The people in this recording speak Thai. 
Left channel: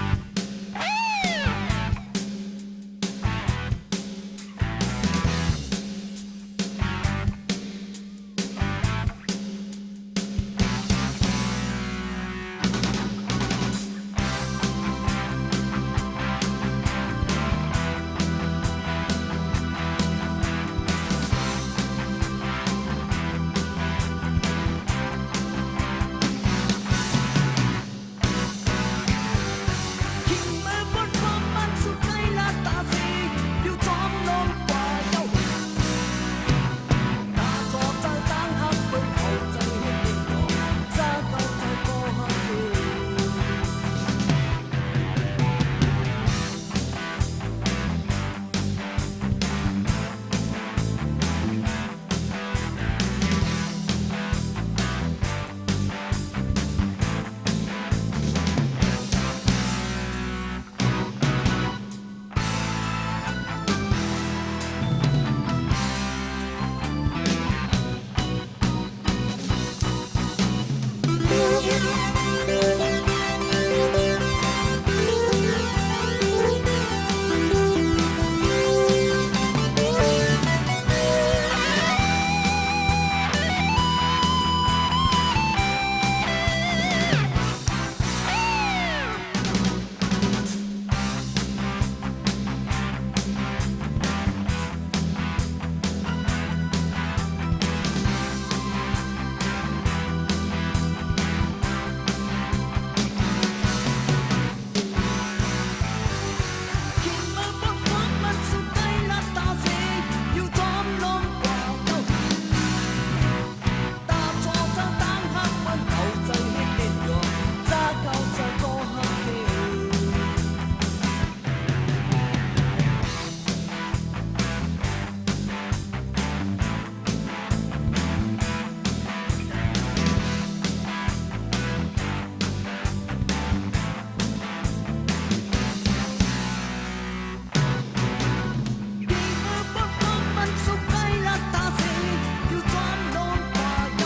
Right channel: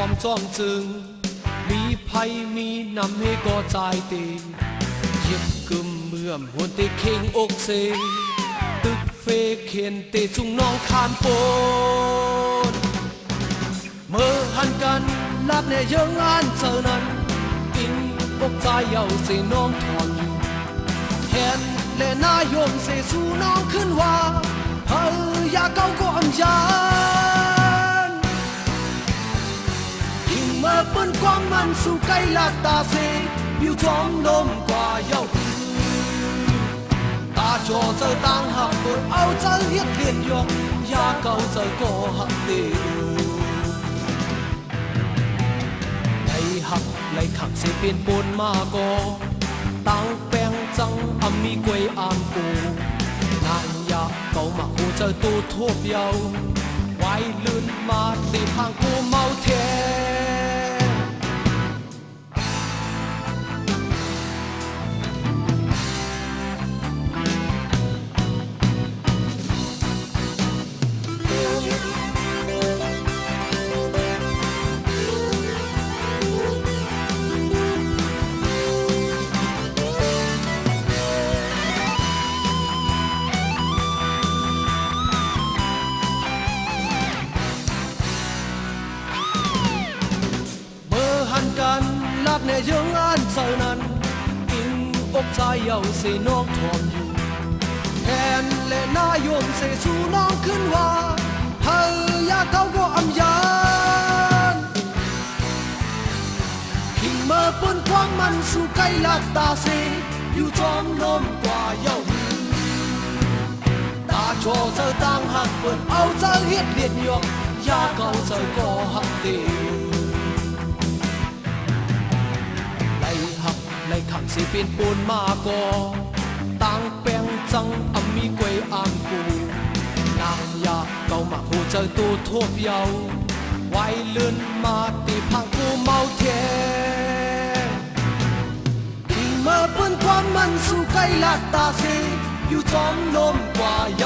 อมจ้องจือมีภัยมีนำให้ก็ใจตีเยี่ยมกึมเมื่อมหัวเตเข่งอกเซตึกเฟเขียนเตจุงน้องคานโอนเมื่อหันกันลับในเยิงอันเจ้านั้นกินอกใจเยาเสน้องทองแขนและนายงเสสู่น้องขึ้นว่าเฮ้ยอย่าเก้าก็อันยานยิ่งเมื่อบนความมันสู่ใกล้ลาดตาเสอยู่ท้องนมกว่าเยาตาจอเจอต่างหากคนเอาเจอเรียกยกอย่าเก้าเจอก็หักเดียวสิเปลี่ยนปนมาก็ตาวแปงจังอามีกวยอ่านปูนางยาเก่ามาคูเจอตัวทั่วเดียวไว้ลื่นมาในทางกูเมาแทเยาเสน้องทองแทนและนายงเสสู่น้องขึ้นว่าเฮ้ยอย่าเก้าก็อันยานยิ่งเมื่อบนความมันสู่ใกล้ลับตาเสอยู่ท้องลมกว่าเยาตาโชว์เจอต่างหักวันเอาเจอเฮ็ดเลียนยงอย่าเก้าเจอก็หักเดียวสิเป็นปูนมาก็ต่างแปลงจังอามีกวยอ่านปูนางยาเก่ามาหูเจอตัวทั่วเยาไว้เลื่อนมาตีพังกูเมาแทดีมาบนความมันสู่ใกล้ลาดตาสีอยู่ท้องลมกว่าเยา